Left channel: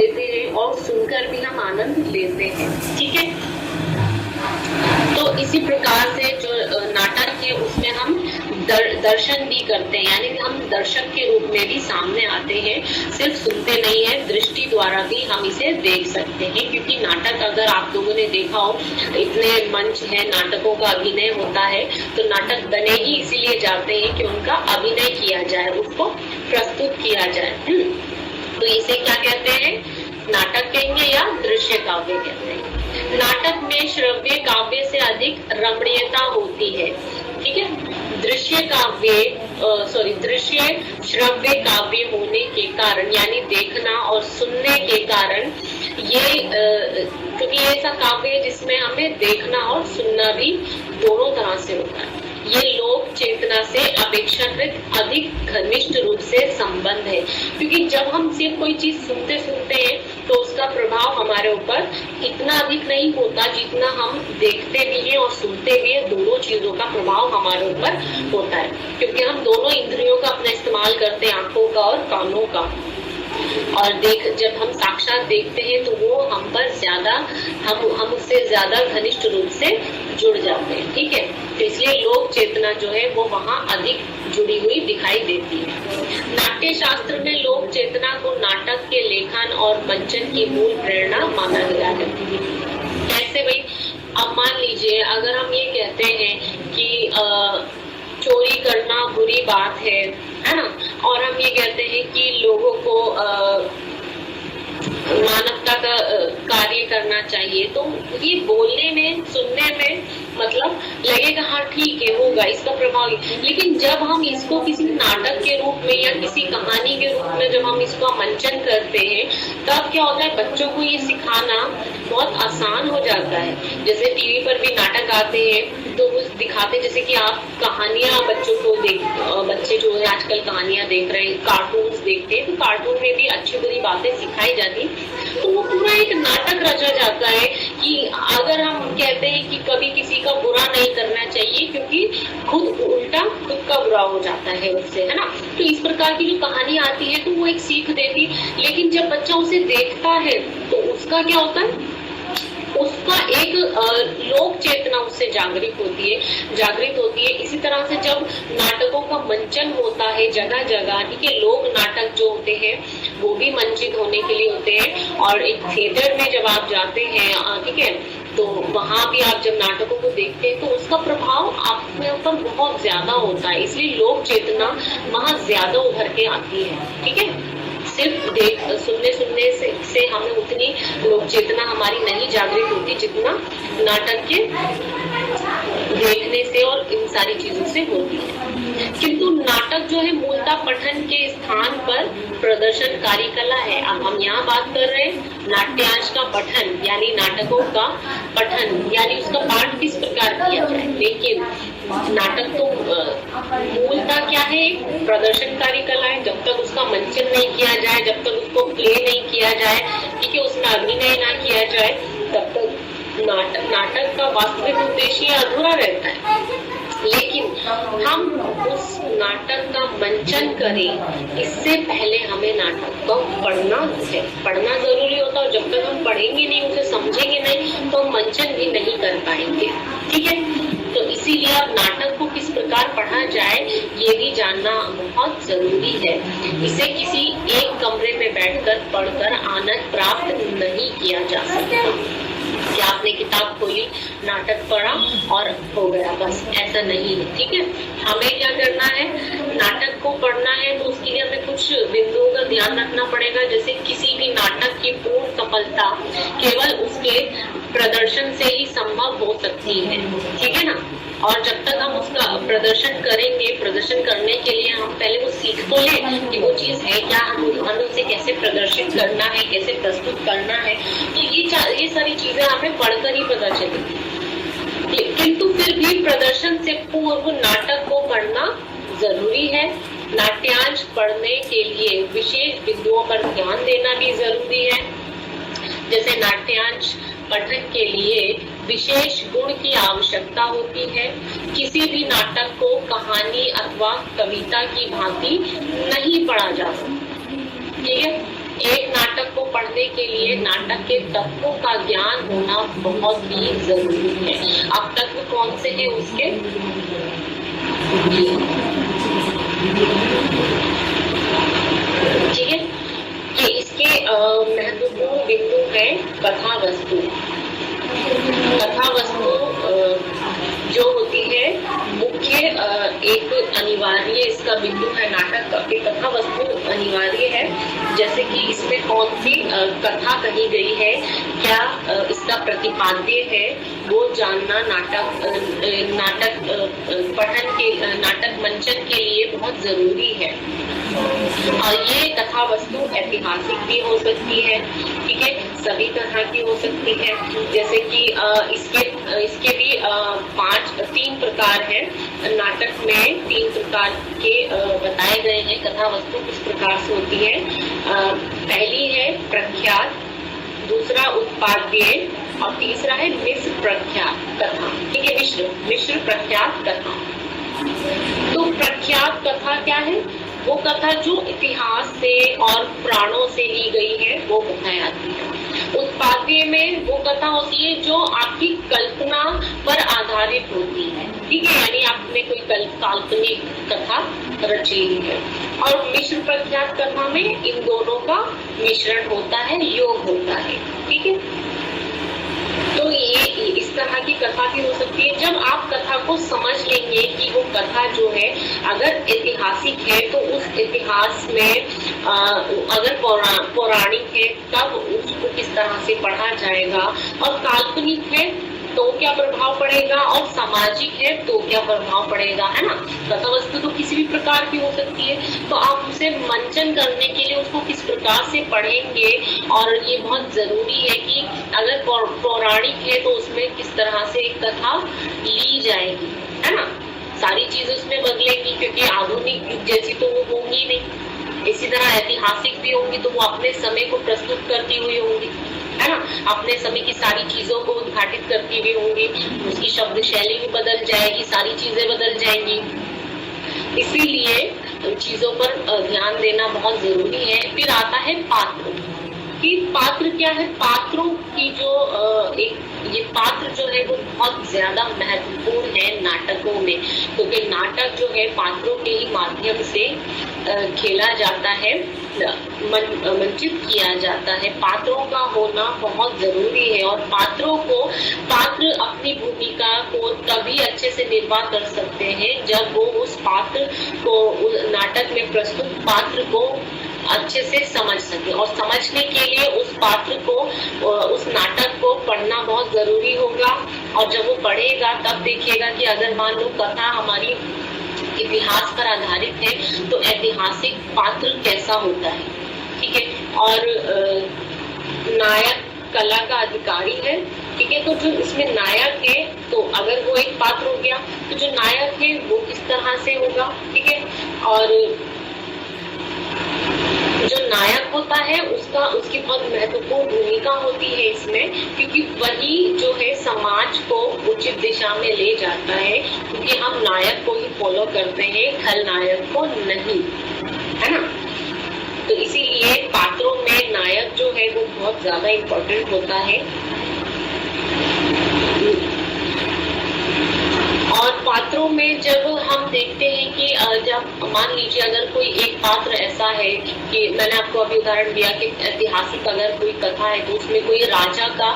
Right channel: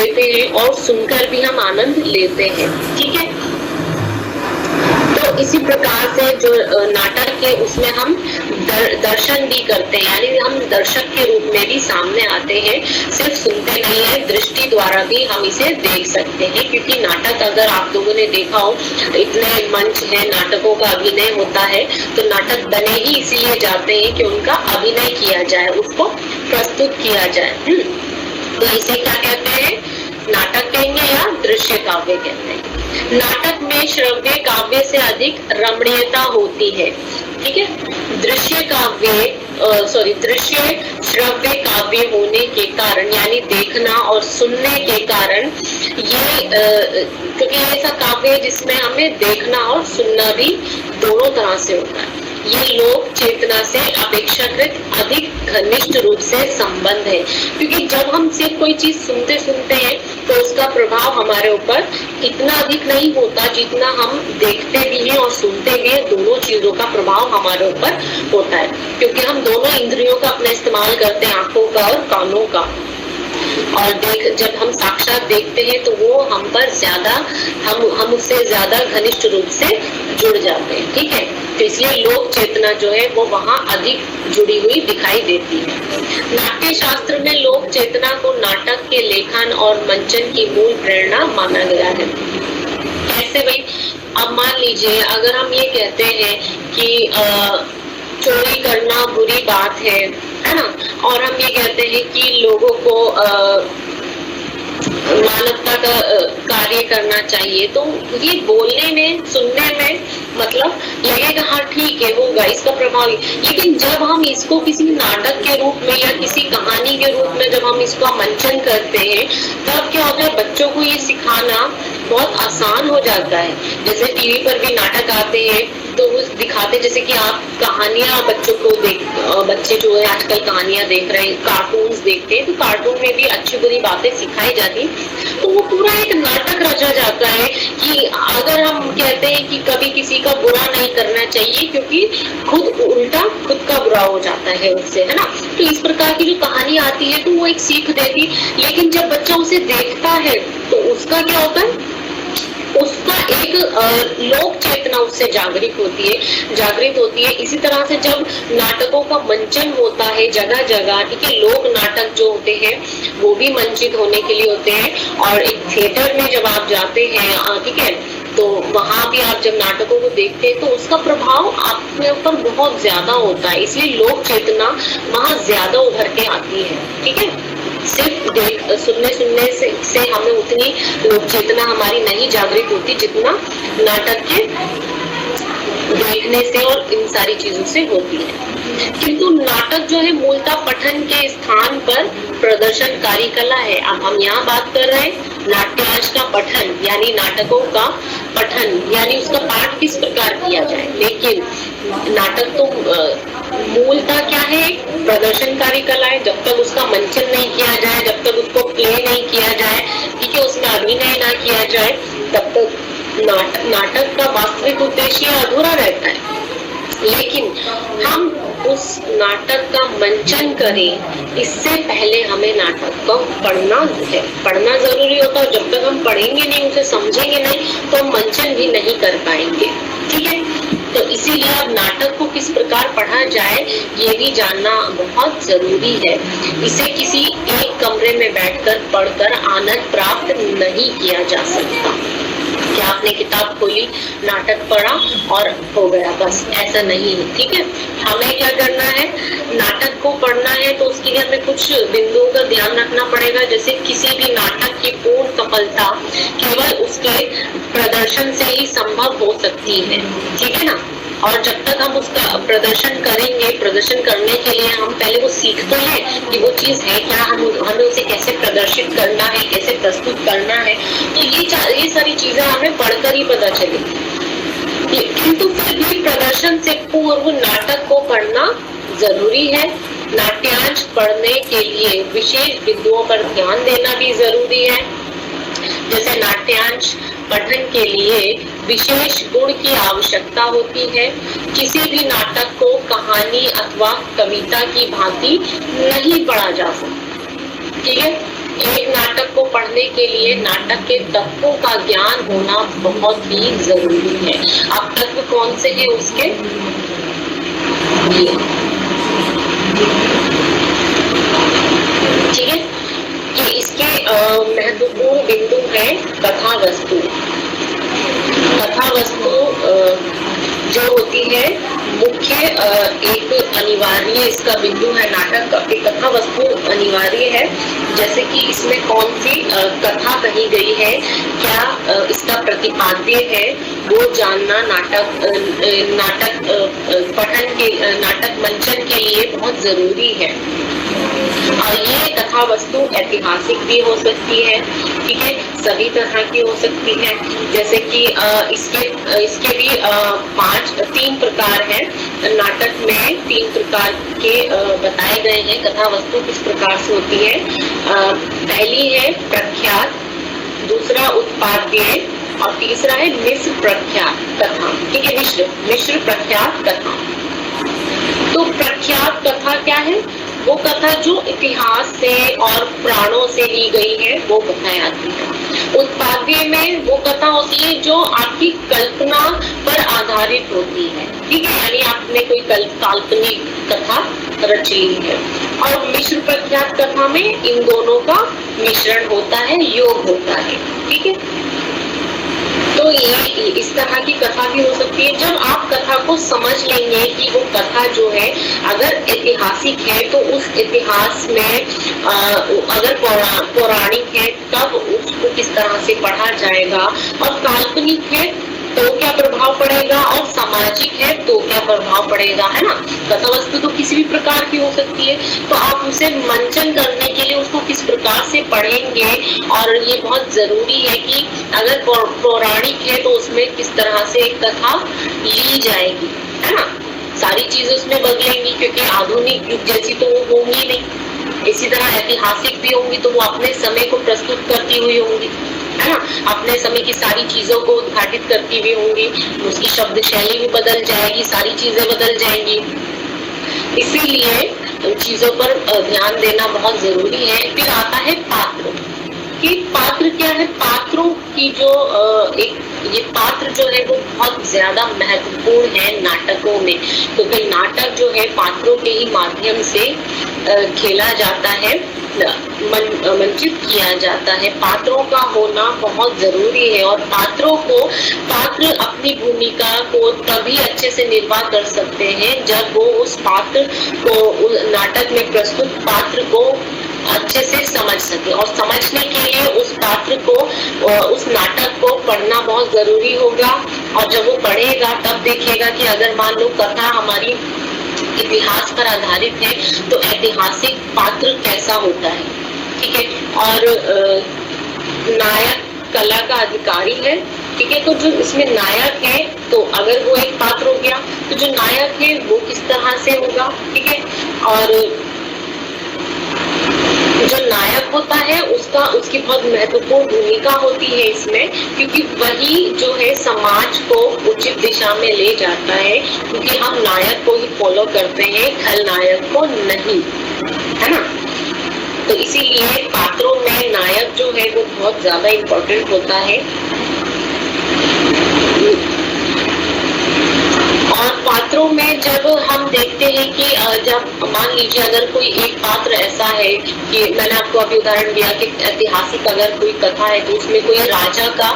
लेते हैं और सुनकर भी हम आनंद लेते हैं। ठीक है, तो इसी प्रकार से जो नाटक है उसमें हम दर्शन भी करते हैं, यानी हम दर्शक के रूप में भी सामने आते हैं, सिर्फ सुनते नहीं है, दृष्टि द्वारा भी हम इसे देख सकते हैं। क्योंकि नाटक अगर आप लोगों ने देखा हो, इतने मंच है, नाटकों का अभिनय होता है, तो नाटक बने ही इसीलिए जाते हैं कि उनका अभिनय किया जाए, उसको प्रस्तुत किया जाए। तो इसे क्या कहते हैं, नाटक कहेंगे या दृश्य काव्य कहते हैं। नाटक में श्रव्य काव्य से अधिक रमणीयता होती है। ठीक है, दृश्य श्रव्य काव्य होने के कारण, यानी देखना और सुनने के कारण, ये क्योंकि ये ऐसा काव्य है जिसमें हमें देखना और सुनना भी दोनों तरह से होता है। ये लोक चेतना से अपेक्षाकृत अधिक घनिष्ठ रूप से संबंध है, क्योंकि जब हम सिर्फ कोई चीज सुनते हैं तो उसका प्रभाव हमारे ऊपर इतना अधिक नहीं होता जितना हम देखते भी हैं और सुनते भी हैं, दोनों चीजों का प्रभाव हमारे ऊपर होता है। क्योंकि हम दोनों इंद्रियों का अपना इस्तेमाल करते हैं, आंखों का और कानों का, और जब हम साक्षात देखते हैं तो वो हम पर ज्यादा, हम उससे ज्यादा घनिष्ठ रूप से जुड़ जाते हैं। ठीक है, तो इसलिए लोक चेतना जो है वो वहाँ अधिक जुड़ी हुई दिखाई देती है। नाट्य शास्त्र में लोक चेतना को नाटक के लेखन और मंचन की मूल प्रेरणा माना गया है। कैसे भाई, अब मान लीजिए अगर हम ये कहते हैं कि चोरी करना बुरी बात है ना, और हम ये कहते हैं कि लोगों को मानवता का कार्य करना चाहिए, तो ये बोलने में, सुनने में मतलब लगेगा हाँ ठीक है, होगा इसका प्रभाव। लेकिन जब हम इसको किसी नाटक के रूप में या किसी कहानी के रूप में जब हम इसका मंचन करते हैं, तब क्या होता है, बच्चों को ये सिखाना बहुत आसान हो जाता है। जैसे टीवी पर भी नाटक आते हैं तो वो दिखाते, जैसे कि आप कहानियां बच्चों को बच्चे जो है आजकल कहानियां देख रहे हैं, कार्टून्स देखते हैं, तो कार्टून में भी अच्छी बुरी बातें सिखाई जाती, तो वो पूरा एक नाटक रचा जाता है। कि अगर हम कहते हैं कि कभी किसी का बुरा नहीं करना चाहिए, क्योंकि उल्टा खुद का बुरा हो जाता है उससे, है ना। तो इस प्रकार की जो कहानी आती है तो वो एक सीख देती, लेकिन जब बच्चा उसे देखता है तो उसका क्या होता है, उसका एक लोक चेतना उससे जागृत होती है। इसी तरह से जब नाटकों का मंचन होता है जगह जगह, ठीक है, लोक नाटक जो होते हैं वो भी मंचित होने के लिए होते हैं, और एक थिएटर में जब आप जाते हैं, ठीक है, तो वहां भी आप जब नाटकों को देखते हैं तो उसका प्रभाव आपके ऊपर बहुत ज्यादा होता है, इसलिए लोक चेतना वहां ज्यादा उभर के आती है। ठीक है, सिर्फ सुनने से हमें उतनी लोक चेतना हमारी नहीं जागृत होती जितना नाटक के देखने से और इन सारी चीजों से होती है। किंतु नाटक जो है मूलतः पठन के स्थान पर प्रदर्शनकारी कला है। अब हम यहाँ बात कर रहे हैं नाट्यांश का पठन, यानी नाटकों का पठन, यानी उसका पाठ किस प्रकार किया जाए। लेकिन नाटक तो मूलतः क्या है, प्रदर्शनकारी कला है। जब तक उसका मंचन नहीं किया जाए, जब तक उसको प्ले नहीं किया जाए, ठीक है, उसका अभिनय ना किया जाए, तब तक नाटक का वास्तविक उद्देश्य अधूरा रहता है। लेकिन हम उस नाटक का मंचन करें, इससे पहले हमें नाटक को पढ़ना जरूरी होता है। जब तक हम पढ़ेंगे नहीं, उसे समझेंगे नहीं, तो हम मंचन भी नहीं कर पाएंगे। ठीक है, तो इसीलिए अब नाटक को किस प्रकार पढ़ा जाए ये भी जानना बहुत जरूरी है। इसे किसी एक कमरे में बैठकर पढ़कर आनंद प्राप्त नहीं किया जा सकता कि आपने किताब खोली, नाटक पढ़ा और हो गया, बस ऐसा नहीं है। ठीक है, हमें क्या करना है, नाटक को पढ़ना है तो उसके लिए हमें कुछ बिंदुओं का ध्यान रखना पड़ेगा। जैसे किसी भी नाटक की पूर्ण सफलता केवल उसके प्रदर्शन से ही संभव हो सकती है। ठीक है ना, और जब तक हम उसका प्रदर्शन करेंगे, प्रदर्शन करने के लिए हम पहले वो सीख तो लें कि वो चीज है क्या, हमें उसे कैसे प्रदर्शित करना है, कैसे प्रस्तुत करना है। तो ये सारी चीजें हमें पढ़कर ही पता चलेगी। किंतु फिर भी प्रदर्शन से पूर्व नाटक को पढ़ना जरूरी है। नाट्यांश पढ़ने के लिए विशेष बिंदुओं पर ध्यान देना भी जरूरी है। जैसे नाट्यांश पठन के लिए विशेष गुण की आवश्यकता होती है। किसी भी नाटक को कहानी अथवा कविता की भांति नहीं पढ़ा जा सकता। ठीक है, एक नाटक को पढ़ने के लिए नाटक के तत्वों का ज्ञान होना बहुत ही जरूरी है। अब तत्व कौन से हैं उसके, ठीक है, ये इसके महत्वपूर्ण बिंदु है कथा वस्तु। कथा वस्तु जो होती है मुख्य एक अनिवार्य इसका बिंदु है नाटक का, कथा वस्तु अनिवार्य है। जैसे कि इसमें कौन सी कथा कही गई है, क्या इसका प्रतिपाद्य है, वो जानना नाटक पठन के नाटक मंचन के लिए बहुत जरूरी है। ये कथा वस्तु ऐतिहासिक भी हो सकती है, ठीक है, सभी तरह की हो सकती है। जैसे कि इसके भी 3 प्रकार हैं नाटक में, 3 प्रकार के बताए गए हैं। कथा वस्तु किस प्रकार से होती है, पहली है प्रख्यात, दूसरा उत्पाद्य और तीसरा है मिश्र प्रख्यात कथा, ठीक है, मिश्र प्रख्यात कथा। तो प्रख्यात कथा क्या है, वो कथा जो इतिहास से और पुराणों से ली गई है वो बताई जाती है। उत्पाद्य में वो कथा होती है जो आपकी कल्पना पर आधारित होती है, ठीक है, यानी आपने कोई काल्पनिक कथा रच ली है। और मिश्र प्रख्यात कथा में इन दोनों का मिश्रण होता है, योग होता है, ठीक है। तो ये इस तरह की कथा भी हो सकती है। जब आप कथा को समझ लेंगे कि वो कथा जो है अगर ऐतिहासिक है तो उस इतिहास में अगर पौराणिक है तब उसको किस तरह से पढ़ा जाएगा, और काल्पनिक है तो क्या प्रभाव पड़ेगा, और सामाजिक है तो क्या प्रभाव पड़ेगा, है ना। कथा वस्तु तो किसी भी प्रकार की हो सकती है, तो आप उसे मंचन करने के लिए उसको किस प्रकार से पढ़ेंगे। और ये बहुत जरूरी है कि अगर पौराणिक है तो उसमें किस तरह से एक कथा ली जाएगी, है ना। सारी चीजें उसमें बदलेंगी क्योंकि आधुनिक युग जैसी तो वो होंगी नहीं। इसी तरह ऐतिहासिक भी होंगी तो वो अपने समय को प्रस्तुत करती हुई होंगी, है ना, अपने समय की सारी चीजों को उद्घाटित करती भी होंगी। उसकी शब्द शैली भी बदल जाएगी, सारी चीजें बदल जाएंगी। इसीलिए चीजों पर ध्यान देना बहुत जरूरी है। फिर आता है पात्र, कि पात्र क्या है, पात्रों की जो ये पात्र जो है वो बहुत ज्यादा महत्वपूर्ण है नाटकों में, क्योंकि नाटक जो है पात्रों के ही माध्यम से खेला जाता है, मंचित किया जाता है। पात्रों का होना बहुत जरूरी है, और पात्र अपनी भूमिका को तभी अच्छे से निर्वाह कर सकते हैं जब वो उस पात्र को नाटक में प्रस्तुत पात्र को अच्छे से समझ सके। और समझने के लिए उस पात्र को, उस नाटक को पढ़ना बहुत जरूरी होगा। और जब वो पढ़ेगा तब देखेगा कि अगर मान लो कथा हमारी इतिहास पर आधारित है तो ऐतिहासिक पात्र कैसा होता है, ठीक है। और नायक कला का अधिकारी है, ठीक है, तो जो इसमें नायक है तो अगर वो एक पात्र हो गया तो जो नायक है वो किस तरह से होगा, ठीक है। और जो नायक होता है उसकी बहुत महत्वपूर्ण भूमिका होती है इसमें, क्योंकि वही जो है समाज को उचित दिशा में ले जाता है, क्योंकि हम नायक को ही फॉलो करते हैं, खलनायक को नहीं, है ना। तो इसीलिए पात्रों में नायक जो है वो बहुत ज्यादा इम्पोर्टेंट होता है। और पात्रों में जब हम देखते हैं कि जब मान लीजिए अगर कोई एक पात्र ऐसा है कि मैंने आपको अभी उदाहरण दिया कि ऐतिहासिक अगर कोई कथा है तो उसमें कोई राजा का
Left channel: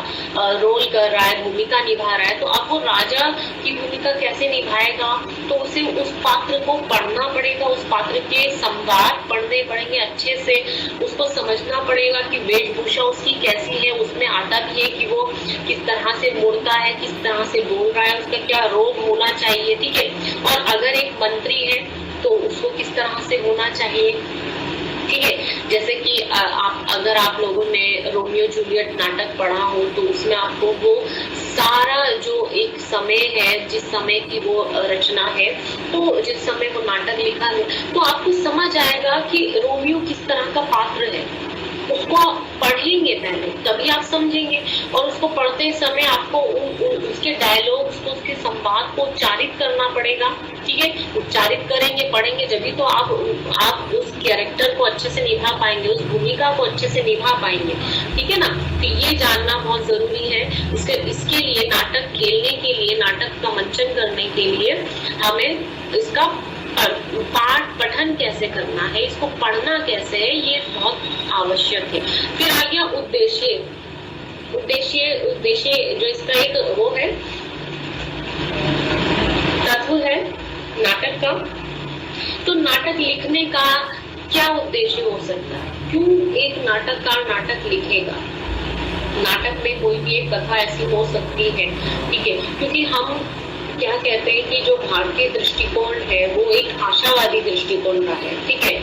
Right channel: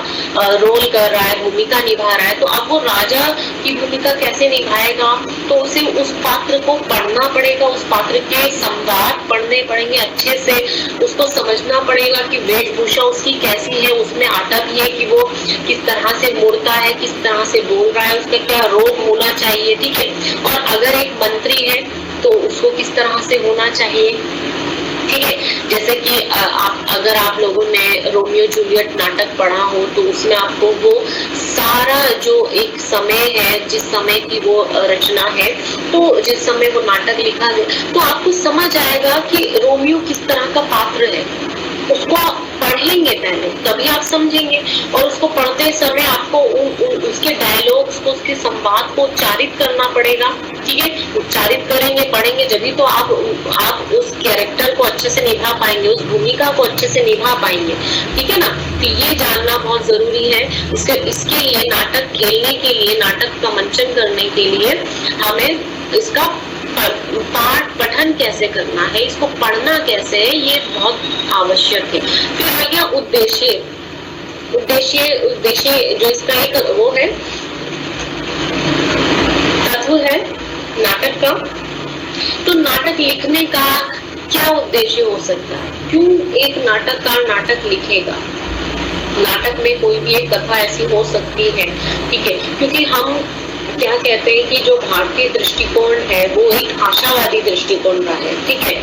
रोल कर रहा है, भूमिका निभा रहा है, तो अब वो राजा की भूमिका कैसे निभाएगा, तो उसे उस पात्र को पढ़ना पड़ेगा, उस पात्र के संवाद पढ़ने पड़ेंगे अच्छे से, उसको समझना पड़ेगा कि वेशभूषा उसकी कैसी है, उसमें अटक है कि वो किस तरह से मुड़ता है, किस तरह से बोल रहा है, उसका क्या रोग होना चाहिए, ठीक है। और अगर एक मंत्री है तो उसको किस तरह से होना चाहिए, ठीक है। जैसे कि अगर आप लोगों ने रोमियो जूलियट नाटक पढ़ा हो तो उसमें आपको वो सारा जो एक समय है, जिस समय की वो रचना है, तो जिस समय वो नाटक लिखा है तो आपको समझ आएगा कि रोमियो किस तरह का पात्र है, उसको पढ़ेंगे पहले, तभी आप समझेंगे। और उसको पढ़ते समय आपको उसके डायलॉग्स को, उसके संवाद को उच्चारित करना पड़ेगा, ठीक है। उच्चारित करेंगे, पढ़ेंगे, जब भी तो आप उस कैरेक्टर को अच्छे से निभा पाएंगे, उस भूमिका को अच्छे से निभा पाएंगे, ठीक है ना। तो ये जानना बहुत जरूरी है। इसके लिए नाटक खेलने के लिए, नाटक का मंचन करने के लिए हमें इसका पाठ पठन कैसे करना है, इसको पढ़ना कैसे है, ये बहुत आवश्यक है। फिर आ गया उद्देश्य। उद्देश्य जो इसका एक वो है, तत्व है नाटक का। तो नाटक लिखने का क्या उद्देश्य हो सकता है, क्यों एक नाटककार नाटक लिखेगा। नाटक में कोई भी एक कथा ऐसी हो सकती है, ठीक है, क्योंकि हम क्या कहते हैं कि जो भारतीय दृष्टिकोण है वो एक आशावादी दृष्टिकोण का है, ठीक है।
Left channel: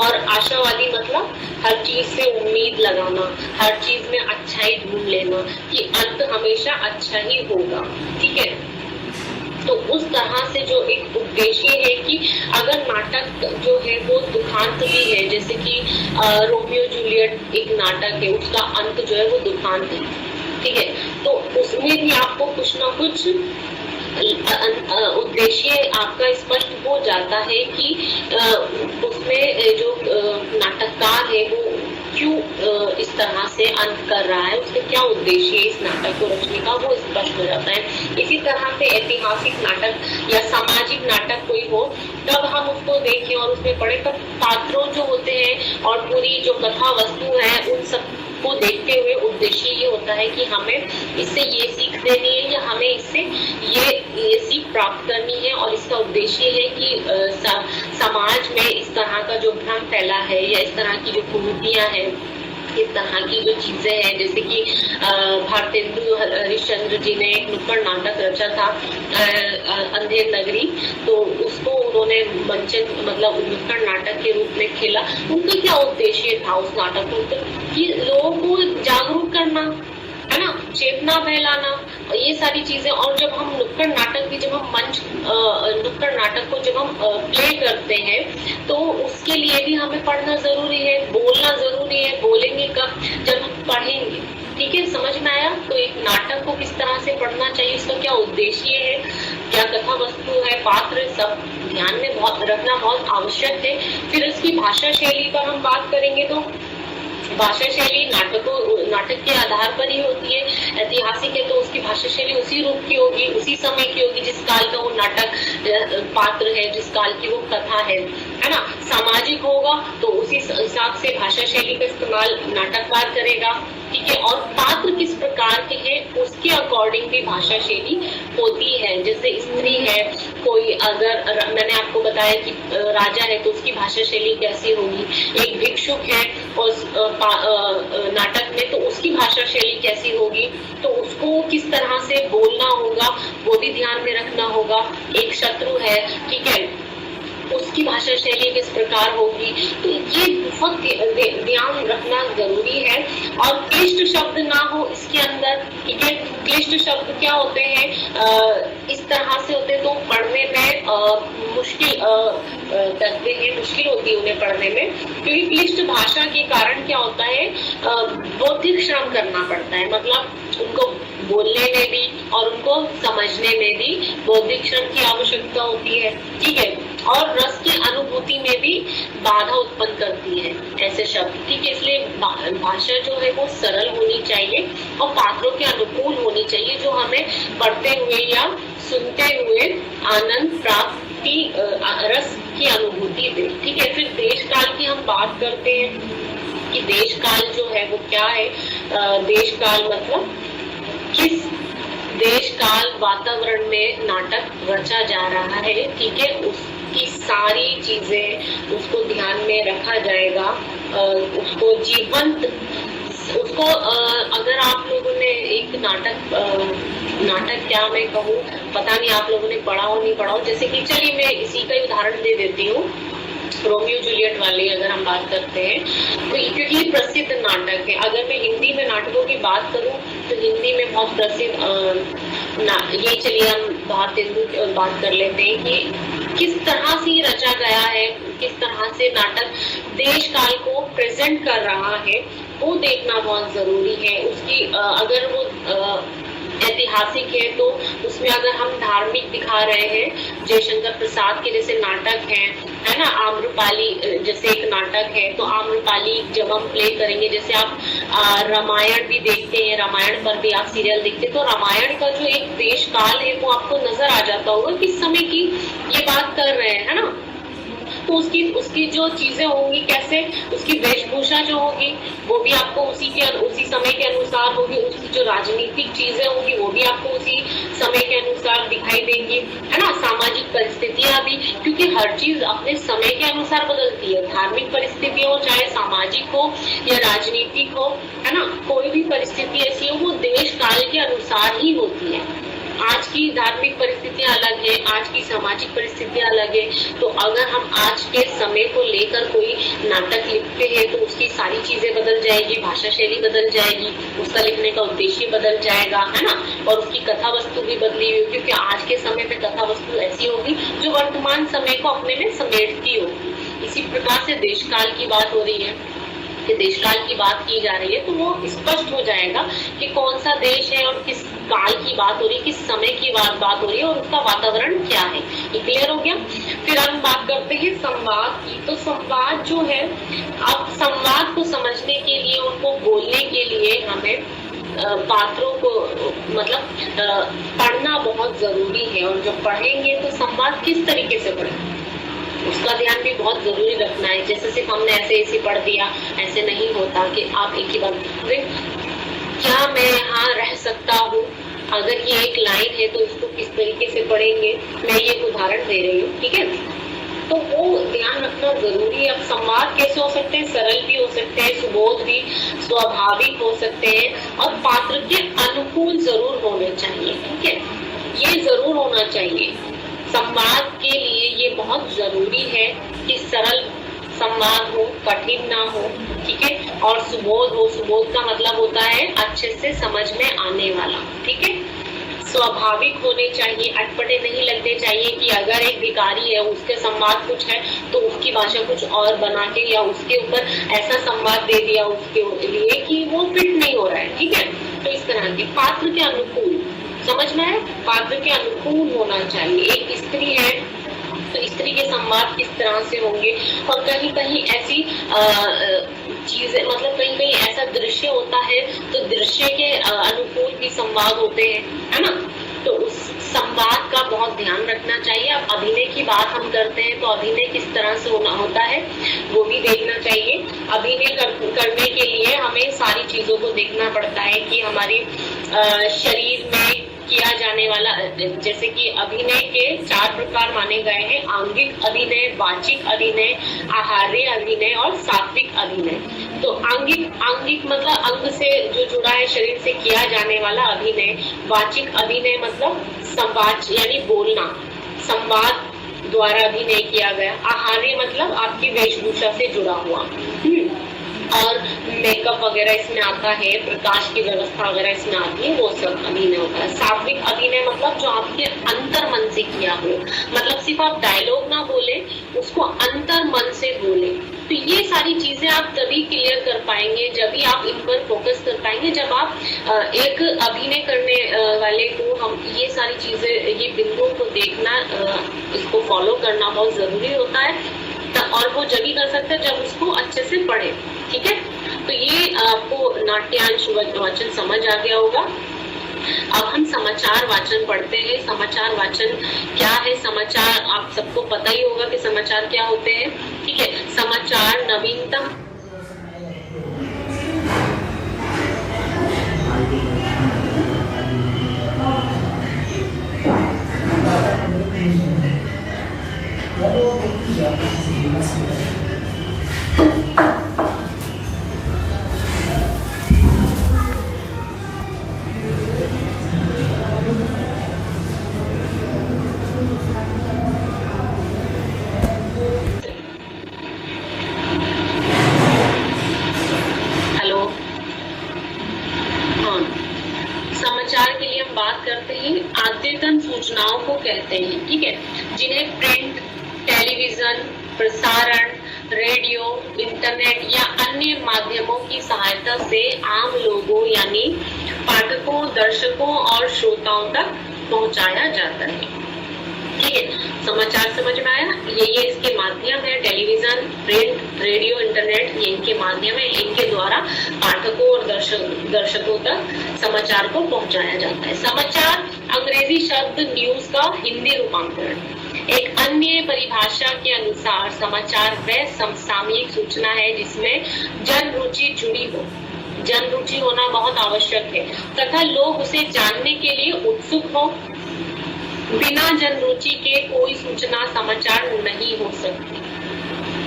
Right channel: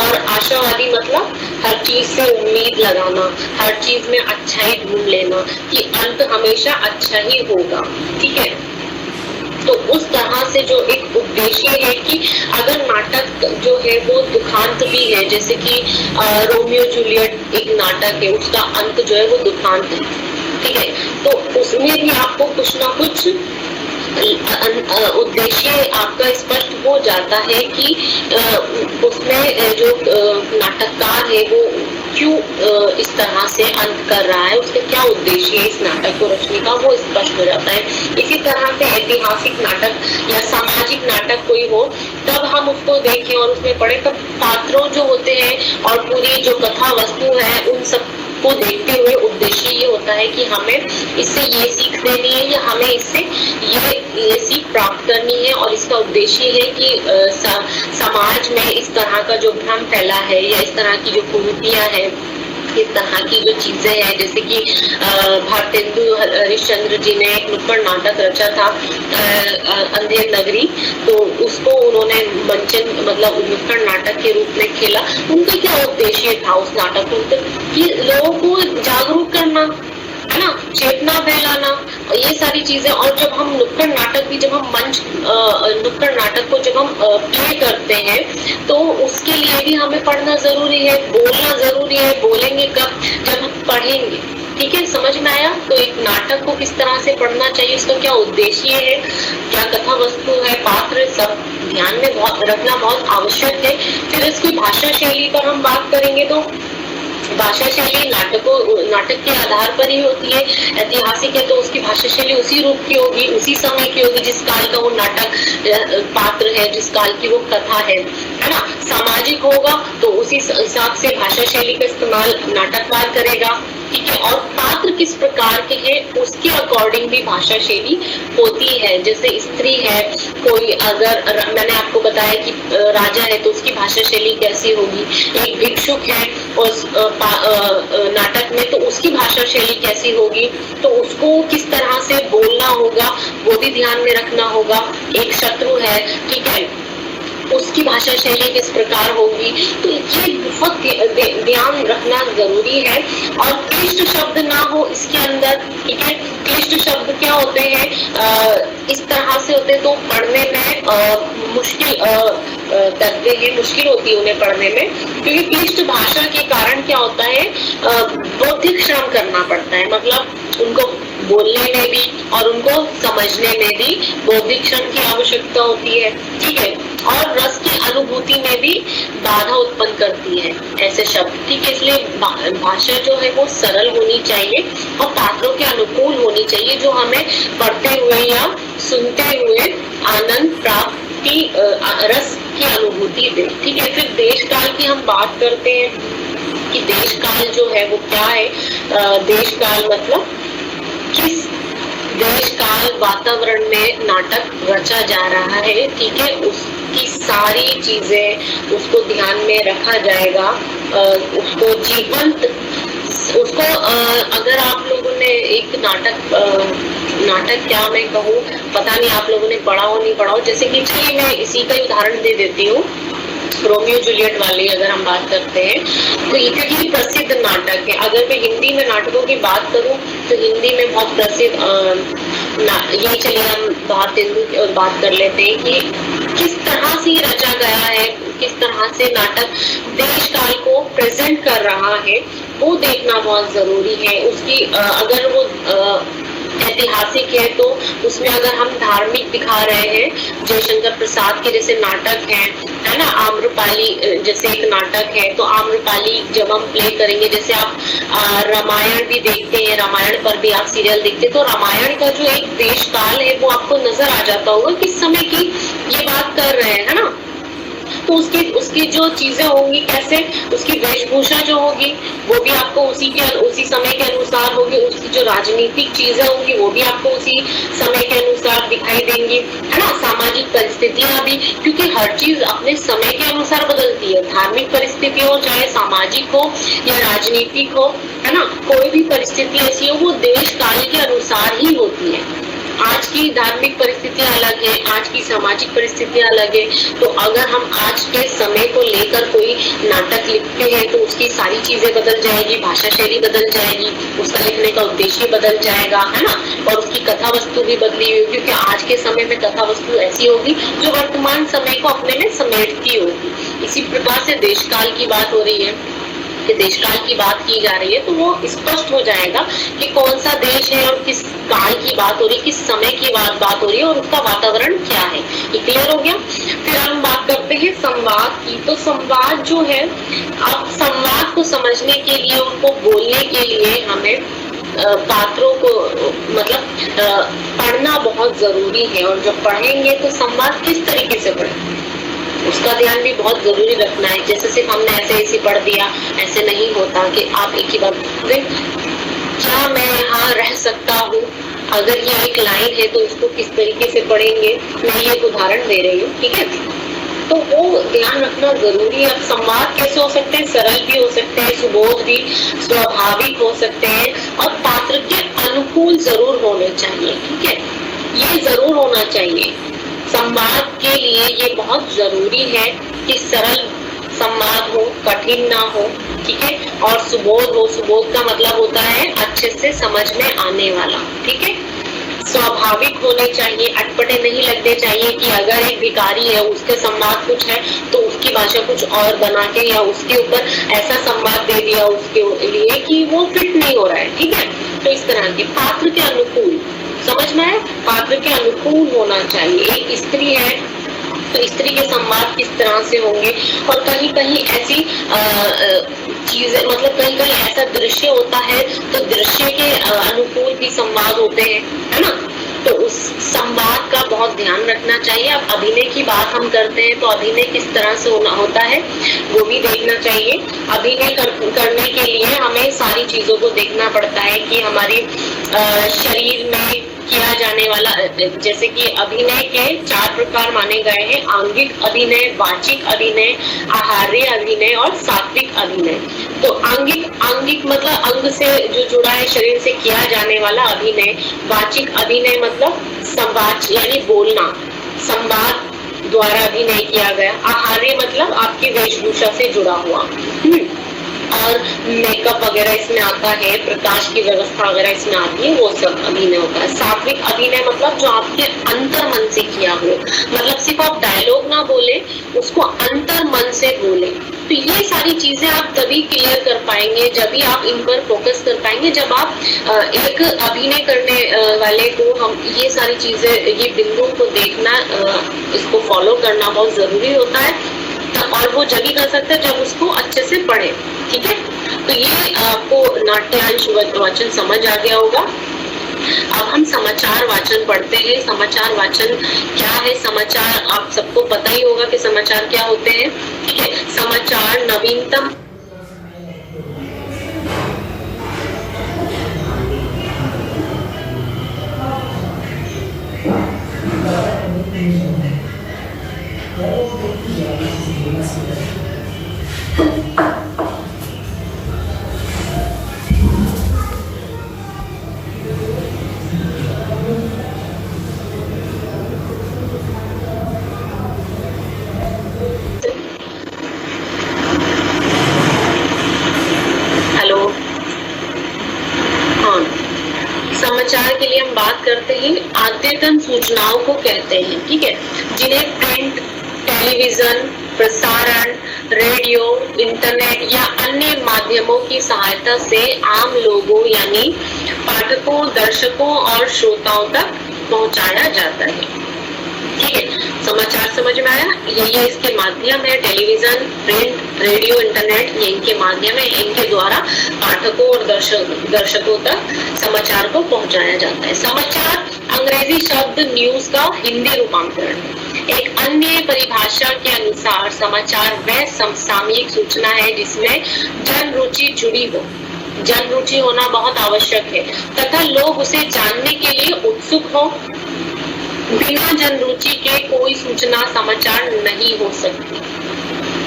और आशावादी मतलब हर चीज से उम्मीद लगाना, हर चीज में अच्छाई ढूंढ लेना कि अंत हमेशा अच्छा ही होगा, ठीक है। तो उस तरह से जो एक उद्देश्य है कि अगर नाटक जो है वो दुखांत भी है, जैसे कि रोमियो जूलियट एक नाटक है, उसका अंत जो है वो दुखांत है, ठीक है। तो उसमें भी आपको कुछ ना कुछ उद्देश्य आपका स्पष्ट हो जाता है कि उसमें जो नाटककार है वो क्यों इस तरह से अंत कर रहा है, उसका क्या उद्देश्य है इस नाटक को रचने का, वो स्पष्ट हो जाता है। इसी तरह से ऐतिहासिक नाटक या सामाजिक नाटक कोई हो, तब हम उसको देखें और उसमें पढ़े, तब पात्रों जो होते हैं और पूरी जो कथा वस्तु है उन सब को देखते हुए उद्देश्य ये होता है कि हमें इससे ये सीख देनी है या हमें इससे ये सीख प्राप्त करनी है। और इसका उद्देश्य है कि समाज में इस तरह का जो भ्रम फैला है या इस तरह की जो कुरीतियां हैं, इस तरह की जो चीजें हैं, जैसे कि भारतेंदु हरिश्चंद्र जी ने एक नुक्कड़ नाटक रचा था अंधेर नगरी, तो उसको उन्होंने मंचन मतलब नुक्कड़ नाटक के रूप में खेला। उनका क्या उद्देश्य था उस नाटक को, कि लोगों को जागरूक करना है ना, चेतना फैलाना, ये सारी चीजें। और जब हम नुक्कड़ नाटक भी, जब हम नुक्कड़ नाटक को जब हम प्ले करते हैं तो उसके लिए भी हमें पढ़ना जरूरी है, बोलना जरूरी है। बोलेंगे कब, जब हम पढ़ेंगे, ठीक है। समझ में आया। तो एक नाटक को किस तरह से पढ़ना चाहिए, इसका क्या उद्देश्य है, क्या कथा वस्तु है, पात्र, सब ध्यान में बहुत रखना बहुत आवश्यक है। फिर इसकी भाषा शैली पर हम बात करेंगे तो भाषा शैली नाटक के आधार पर ही होती है। ऐतिहासिक है तो उसकी भाषा शैली उसी रूप की होगी, उसी समय की होगी जिस काल का वो नाटक पात्र है, जिस काल की वो कथा है ना। सामाजिक होगा तो उसी हिसाब से भाषा शैली का इस्तेमाल नाटककार करेगा, ठीक है। और पात्र किस प्रकार के हैं उसके अकॉर्डिंग भी भाषा शैली होती है। जैसे स्त्री है कोई, अगर मैंने आपको बताया कि राजा है तो उसकी भाषा शैली कैसी होगी, एक भिक्षुक है और नाटक में तो उसकी भाषा शैली कैसी होगी, तो उसको किस तरह से बोलना होगा वो भी ध्यान में रखना होगा। एक शत्रु है, ठीक है, उसकी भाषा शैली किस प्रकार होगी, तो ये बहुत ध्यान रखना जरूरी है। और क्लिष्ट शब्द ना हो इसके अंदर, ठीक है। क्लिष्ट शब्द क्या होते हैं, इस तरह से होते तो पढ़ने में मुश्किल करते हैं, मुश्किल होती है उन्हें पढ़ने में, क्योंकि क्लिष्ट भाषा के कारण क्या होता है, बौद्धिक श्रम करना पड़ता है। मतलब उनको बोलने में भी और उनको समझने में भी बौद्धिक श्रम की आवश्यकता होती है, ठीक है। और रस की अनुभूति में भी बाधा उत्पन्न करती है ऐसे शब्द, ठीक है। इसलिए भाषा जो है वो सरल होनी चाहिए और पात्रों के अनुकूल होनी चाहिए, जो हमें पढ़ते हुए या सुनते हुए आनंद प्राप्ति, रस की अनुभूति दे, ठीक है। फिर देश काल की हम बात करते हैं कि देश काल जो है वो क्या है। देश काल मतलब किस देश काल वातावरण में नाटक रचा जा रहा है, ठीक है, उसकी सारी चीजें उसको ध्यान में रखा जाएगा। उसको जीवंत, उसको अगर आप लोगों ने एक नाटक क्या मैं कहूँ, पता नहीं आप लोगों ने पढ़ा हो नहीं पढ़ा हो, जैसे कि चलिए मैं इसी का उदाहरण दे देती हूँ। रोमियो जूलियट वाली अगर हम बात करते हैं तो इतनी प्रसिद्ध नाटक है। अगर मैं हिंदी में नाटकों की बात करूं तो हिंदी में बहुत प्रसिद्ध ये चलिए हम भारतेंदु की बात कर लेते हैं कि किस तरह से रचा गया है, किस तरह से नाटक देश काल को प्रेजेंट कर रहा है वो देखना बहुत जरूरी है। उसकी अगर वो ऐतिहासिक है तो उसमें अगर हम धार्मिक दिखा रहे हैं, जयशंकर प्रसाद के जैसे नाटक है ना, आम्रपाली जैसे एक नाटक है, तो आम्रपाली जब हम प्ले करेंगे, जैसे आप रामायण भी देखते हैं, रामायण पर भी आप सीरियल देखते हैं, तो रामायण का जो एक देश काल है वो आपको नजर आ जाता होगा किस समय की ये बात कर रहे हैं, है ना। तो उसकी जो चीजें होंगी, कैसे उसकी वेशभूषा जो होगी वो भी आपको उसी समय के अनुसार होगी, उसकी जो राजनीतिक चीजें होंगी वो भी आपको उसी समय के अनुसार दिखाई देंगी, है ना। सामाजिक परिस्थितियां भी, क्योंकि हर चीज अपने समय के अनुसार बदलती है, धार्मिक परिस्थिति हो चाहे सामाजिक हो या राजनीतिक हो, है ना, कोई भी परिस्थिति ऐसी हो वो देश काल के अनुसार ही होती है। आज की धार्मिक परिस्थितियां अलग है, आज की सामाजिक परिस्थितियां अलग है, तो अगर हम आज के समय को लेकर कोई नाटक लिखते हैं तो उसकी सारी चीजें बदल जाएगी, भाषा शैली बदल जाएगी, उसका लिखने का उद्देश्य बदल जाएगा, है ना, और उसकी कथा वस्तु भी बदली हुई, क्योंकि आज के समय में कथा वस्तु ऐसी होगी जो वर्तमान समय को अपने में समेटती होगी। इसी प्रकार से देश काल की बात हो रही है कि देश काल की बात की जा रही है, तो वो स्पष्ट हो जाएगा कि कौन सा देश है और किस काल की बात हो रही है, किस समय की बात हो रही है और उसका वातावरण क्या है। ये क्लियर हो गया। फिर हम बात करते हैं संवाद की। तो संवाद जो है, अब संवाद को समझने के लिए, उनको बोलने के लिए हमें पात्रों को मतलब पढ़ना बहुत जरूरी है, और जब पढ़ेंगे तो संवाद किस तरीके से पढ़ें उसका ध्यान भी बहुत जरूरी रखना है। जैसे सिर्फ हमने ऐसे पढ़ दिया, ऐसे नहीं होता कि आप एक ही बात, क्या मैं यहाँ रह सकता हूँ, अगर ये एक लाइन है तो उसको किस तरीके से पढ़ेंगे, मैं ये उदाहरण दे रही हूँ, ठीक है। तो वो ध्यान रखना जरूरी है। अब संवाद कैसे हो सकते हैं, सरल भी हो सकते हैं, सुबोध भी, स्वाभाविक हो सकते हैं, और पात्र के अनुकूल जरूर होने चाहिए, ठीक है, ये जरूर होना चाहिए। संवाद के लिए ये बहुत जरूरी है कि सरल संवाद हो, कठिन ना हो, ठीक है, और सुबोध हो। सुबोध का मतलब होता है अच्छे से समझ में आने वाला, ठीक है। स्वाभाविक होने चाहिए, अटपटे नहीं लगने चाहिए कि अगर एक भिखारी है उसके संवाद कुछ है तो उसकी भाषा कुछ और बना के या उसके ऊपर ऐसा संवाद दे दिया उसके लिए कि वो फिट नहीं हो रहा है, ठीक है। तो इस तरह के पात्र के अनुकूल, समझ में आए, पात्र के अनुकूल होना चाहिए। एक स्त्री है तो स्त्री के संवाद किस तरह से होंगे, और कहीं कहीं ऐसी चीजें, मतलब कहीं कहीं ऐसा दृश्य होता है तो दृश्य के अनुकूल भी संवाद होते हैं, है ना। तो उस संवाद का बहुत ध्यान रखना चाहिए। अब अभिनय की बात हम करते हैं तो अभिनय किस तरह से होता है वो भी देखना चाहिए। अभिनय करने के लिए हमें सारी चीजों को देखना पड़ता है कि हमारे शरीर में किया जाने वाला, जैसे कि अभिनय के 4 प्रकार माने गए हैं, आंगिक अभिनय, वाचिक अभिनय, आहार्य अभिनय और सात्विक अभिनय। तो आंगिक मतलब अंग से जो जुड़ा है, शरीर से किया जाने वाला अभिनय। वाचिक अभिनय मतलब संवाद यानी बोलना, संवाद द्वारा अभिनय किया गया। आहार्य मतलब आपकी वेशभूषा से जुड़ा हुआ, और मेकअप वगैरह इसमें आता है, प्रकाश की व्यवस्था वगैरह इसमें आती है, वो सब अभिनय होता है। सात्विक अभिनय मतलब जो आपके अंतर मन से किया हो, मतलब सिर्फ आप डायलॉग ना बोले, उसको अंतर मन से बोले। तो ये सारी चीजें आप तभी क्लियर कर पाएंगे, जब भी आप इन पर फोकस कर पाएंगे, जब आप एक अभिनय करने वाले को हम ये सारी चीजें, ये बिंदु को देखना, इसको फॉलो करना बहुत जरूरी होता है। और वो जब ही कर सकते हैं जब उसको अच्छे से पढ़े, ठीक है। तो ये आपको नाट्यांश वाचन समझ आ गया होगा। अब हम समाचार वाचन पढ़ते हैं। समाचार वाचन क्या है? समाचार आप सबको पता ही होगा कि समाचार क्या होते हैं, ठीक है। समाचार नवीनतम सूचनाओं को कहते हैं, ठीक है, जिन्हें प्रिंट, टेलीविजन, प्रसारण, रेडियो, इंटरनेट या अन्य माध्यमों की सहायता से आम लोगों यानी पाठकों, दर्शकों और श्रोताओं तक पहुंचाया जाता है। ठीक है, समाचार समझ में आया? ये इसके माध्यम है, टेलीविजन, प्रिंट, रेडियो, इंटरनेट, ये इनके माध्यम है, इनके द्वारा पाठकों और दर्शकों तक समाचार को पहुंचाया जाता है। समाचार अंग्रेजी शब्द न्यूज का हिंदी रूपांतरण है। एक अन्य परिभाषा के अनुसार समाचार वह समसामयिक सूचना है जिसमें जन रुचि जुड़ी हो। जन रुचि होना बहुत आवश्यक है तथा लोग उसे जानने के लिए उत्सुक हो। बिना जन रुचि के कोई सूचना समाचार नहीं हो सकती।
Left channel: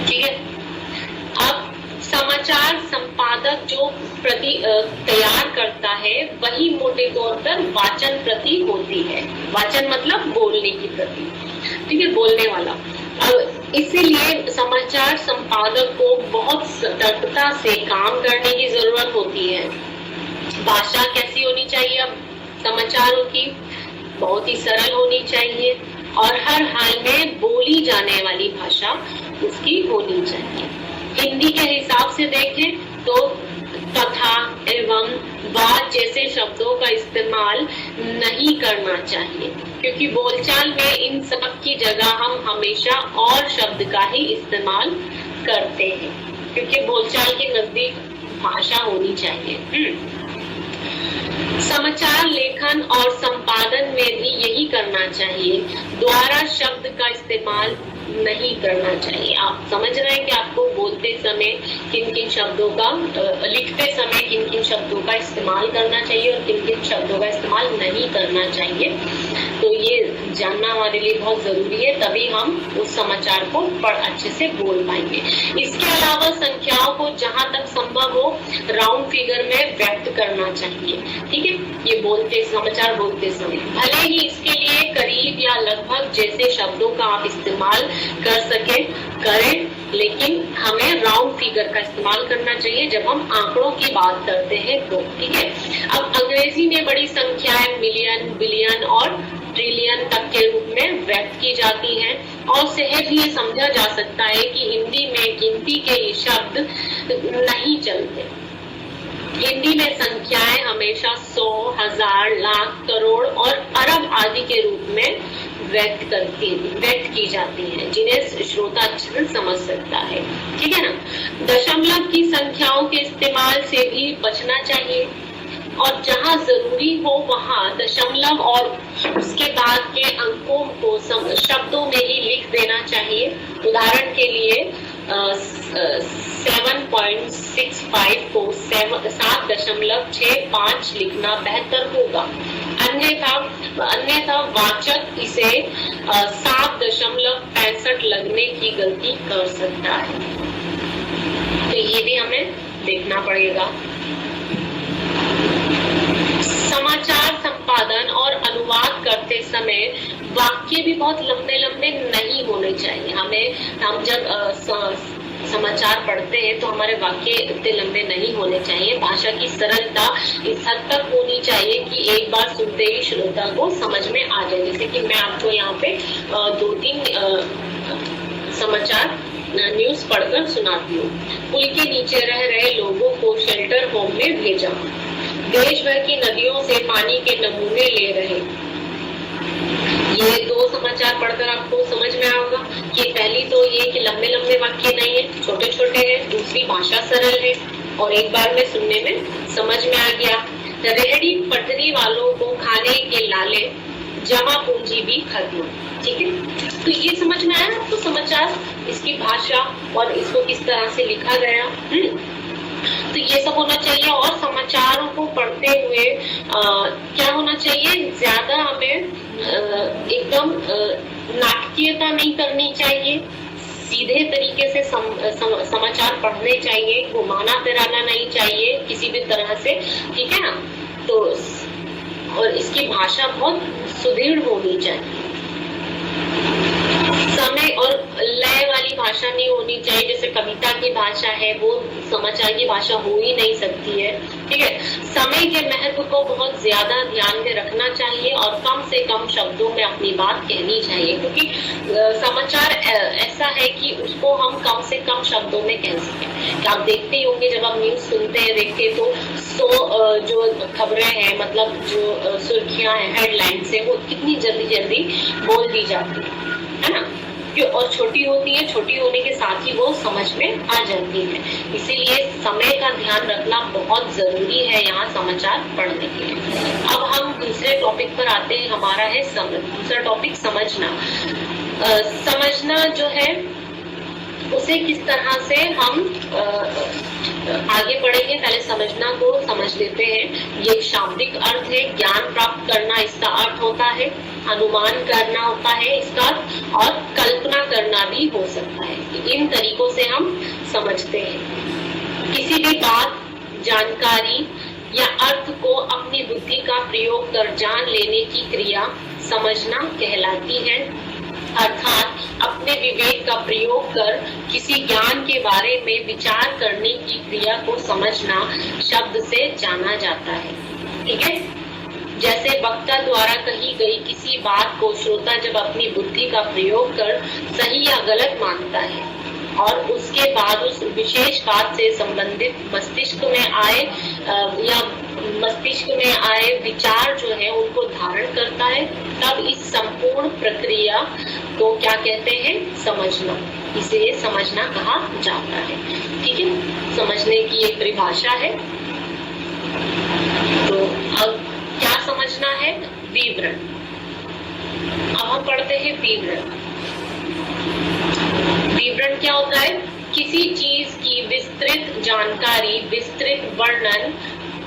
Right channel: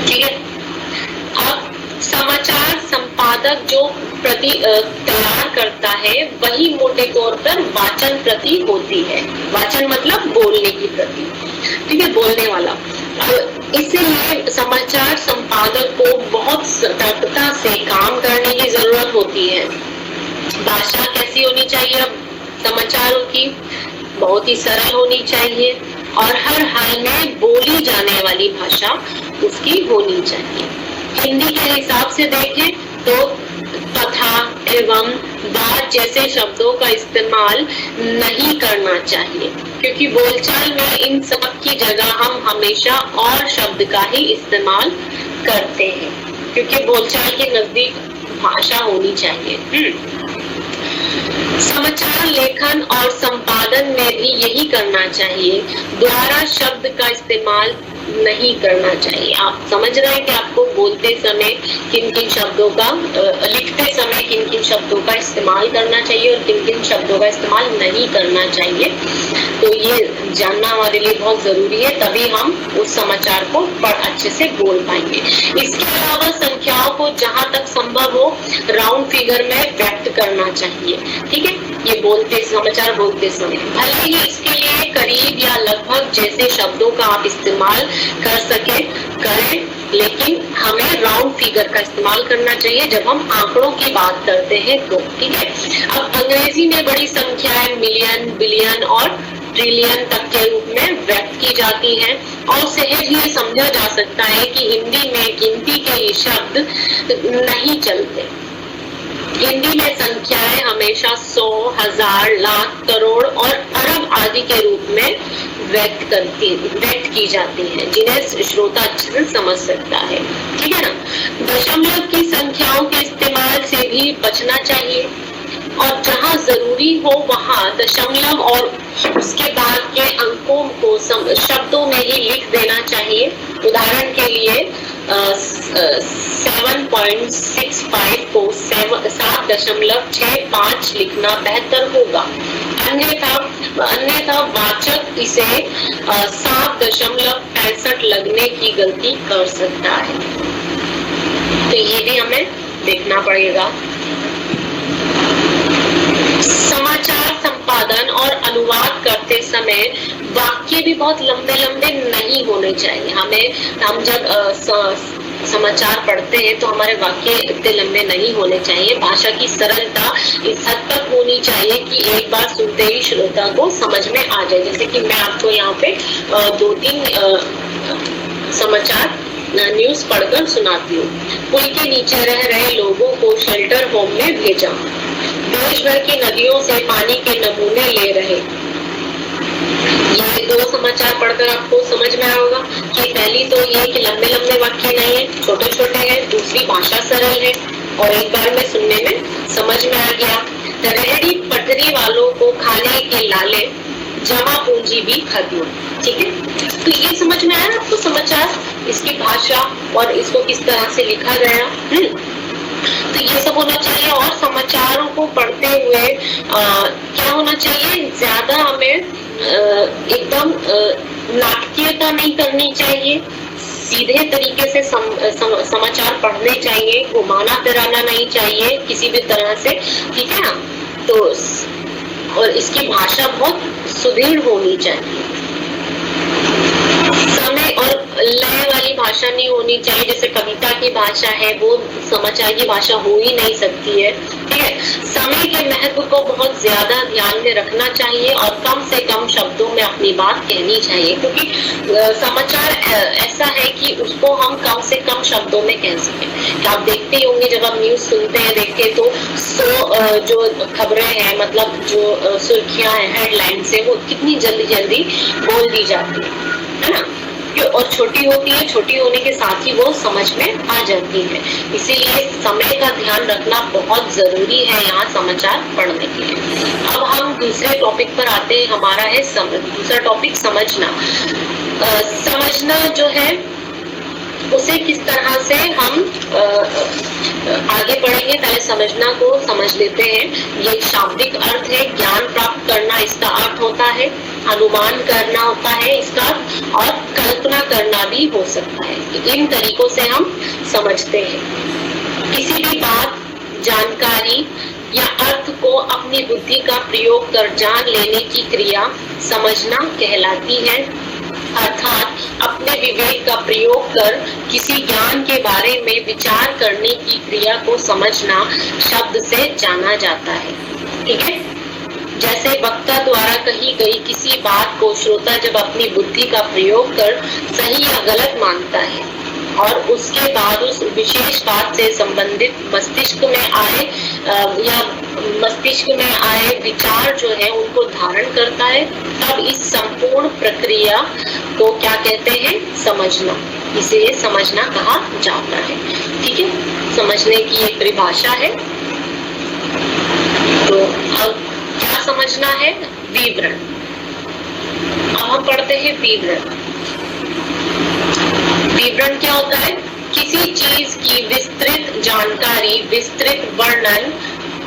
ठीक है, अब समाचार संपादक जो प्रति तैयार करता है वही मोटे तौर पर वाचन प्रति होती है। वाचन मतलब बोलने की प्रति, ठीक है, बोलने वाला। इसीलिए समाचार संपादक को बहुत सतर्कता से काम करने की जरूरत होती है। भाषा कैसी होनी चाहिए? अब समाचारों की बहुत ही सरल होनी चाहिए और हर हाल में बोली जाने वाली भाषा उसकी होनी चाहिए। हिंदी के हिसाब से देखें तो तथा, एवं, बात जैसे शब्दों का इस्तेमाल नहीं करना चाहिए, क्योंकि बोलचाल में इन सब की जगह हम हमेशा और शब्द का ही इस्तेमाल करते हैं, क्योंकि बोलचाल के नजदीक भाषा होनी चाहिए। समाचार लेखन और संपादन में भी यही करना चाहिए, द्वारा शब्द का इस्तेमाल नहीं करना चाहिए। आप समझ रहे हैं कि आपको बोलते समय किन किन शब्दों का, लिखते समय किन किन शब्दों का इस्तेमाल करना चाहिए और किन किन शब्दों का इस्तेमाल नहीं करना चाहिए। तो ये जानना हमारे लिए बहुत जरूरी है, तभी हम उस समाचार को अच्छे से बोल पाएंगे। इसके अलावा संख्याओं को जहां तक संभव हो राउंड फिगर में व्यक्त करना चाहिए। ठीक है, ये बोलते समाचार बोलते समय भले ही इसके लिए करीब या लगभग जैसे शब्दों का आप इस्तेमाल कर सके करें, लेकिन हमें राउंड फिगर का इस्तेमाल करना चाहिए जब हम आंकड़ों की बात करते हैं तो। ठीक है, अब अंग्रेजी में बड़ी संख्याएं मिलियन, बिलियन और ट्रिलियन तक के रूप में व्यक्त की जाती हैं और सहज ये समझा जा सकता है कि हिंदी में गिनती के ये शब्द नहीं चलते। हिंदी में संख्याएं हमेशा 100, 1000, लाख, करोड़ और अरब आदि के रूप में व्यक्त की जाती है, जिन्हें श्रोता अच्छे से समझ सकता है। ठीक है ना, दशमलव की संख्याओं के इस्तेमाल से भी बचना चाहिए और जहां जरूरी हो वहां दशमलव और उसके बाद के अंकों को शब्दों में ही लिख देना चाहिए। उदाहरण के लिए 7.65 को 7.65 लिखना बेहतर होगा, अन्यथा वाचक इसे 7.65 लगने की गलती कर सकता है। तो ये भी हमें देखना पड़ेगा। समाचार संपादन और अनुवाद करते समय वाक्य भी बहुत लंबे लंबे नहीं होने चाहिए। हम जब समाचार पढ़ते हैं तो हमारे वाक्य इतने लंबे नहीं होने चाहिए। भाषा की सरलता इस हद तक होनी चाहिए कि एक बार सुनते ही श्रोता को समझ में आ जाए। जैसे कि मैं आपको यहाँ पे 2-3 समाचार न्यूज पढ़कर सुनाती हूँ। पुल के नीचे रह रहे लोगों को शेल्टर होम में भेजा, देश भर की नदियों से पानी के नमूने ले रहे। ये 2 समाचार पढ़कर आपको समझ में आएगा कि पहली तो ये कि लंबे लंबे वाक्य नहीं है, छोटे छोटे हैं, दूसरी भाषा सरल है और एक बार में सुनने में समझ में आ गया। रेहड़ी पटरी वालों को खाने के लाले, जमा पूंजी भी खत्म। ठीक है, तो ये समझ में आया आपको समाचार, इसकी भाषा और इसको किस तरह से लिखा गया। तो ये सब होना चाहिए। और समाचारों को पढ़ते हुए क्या होना चाहिए, ज्यादा हमें एकदम नाटकीयता नहीं करनी चाहिए, सीधे तरीके से समाचार पढ़ने चाहिए, घुमाना फिराना नहीं चाहिए किसी भी तरह से। ठीक है ना, तो और इसकी भाषा बहुत सुदृढ़ होनी चाहिए। समय और लय वाली भाषा नहीं होनी चाहिए, जैसे कविता की भाषा है वो समाचार की भाषा हो ही नहीं सकती है। ठीक है, समय के महत्व को बहुत ज्यादा ध्यान में रखना चाहिए और कम से कम शब्दों में अपनी बात कहनी चाहिए, क्योंकि समाचार ऐसा है कि उसको हम कम से कम शब्दों में कह सकें। आप देखते ही होंगे जब आप न्यूज सुनते हैं देखते तो जो खबरें हैं, मतलब जो सुर्खियां हैं, हेडलाइंस है, वो कितनी जल्दी जल्दी बोल दी जाती है ना, और छोटी होती है, छोटी होने के साथ ही वो समझ में आ जाती है। इसीलिए समय का ध्यान रखना बहुत जरूरी है यहाँ समाचार पढ़ने के लिए। अब हम दूसरे टॉपिक पर आते हैं, हमारा है दूसरा टॉपिक समझना। समझना जो है उसे किस तरह से हम आगे बढ़ेंगे, पहले समझना को समझ लेते हैं। ये शाब्दिक अर्थ है, ज्ञान प्राप्त करना इसका अर्थ होता है, अनुमान करना होता है इसका, और कल्पना करना भी हो सकता है। इन तरीकों से हम समझते हैं। किसी भी बात, जानकारी या अर्थ को अपनी बुद्धि का प्रयोग कर जान लेने की क्रिया समझना कहलाती है, अर्थात अपने विवेक का प्रयोग कर किसी ज्ञान के बारे में विचार करने की क्रिया को समझना शब्द से जाना जाता है। ठीक है, जैसे वक्ता द्वारा कही गई किसी बात को श्रोता जब अपनी बुद्धि का प्रयोग कर सही या गलत मानता है और उसके बाद उस विशेष बात से संबंधित मस्तिष्क में आए विचार जो है उनको धारण करता है, तब इस संपूर्ण प्रक्रिया को क्या कहते हैं, समझना। इसे समझना कहा जाता है। ठीक है, समझने की एक परिभाषा है। तो अब क्या समझना है, विवरण। अब हम पढ़ते हैं विवरण। विवरण क्या होता है, किसी चीज की विस्तृत जानकारी, विस्तृत वर्णन,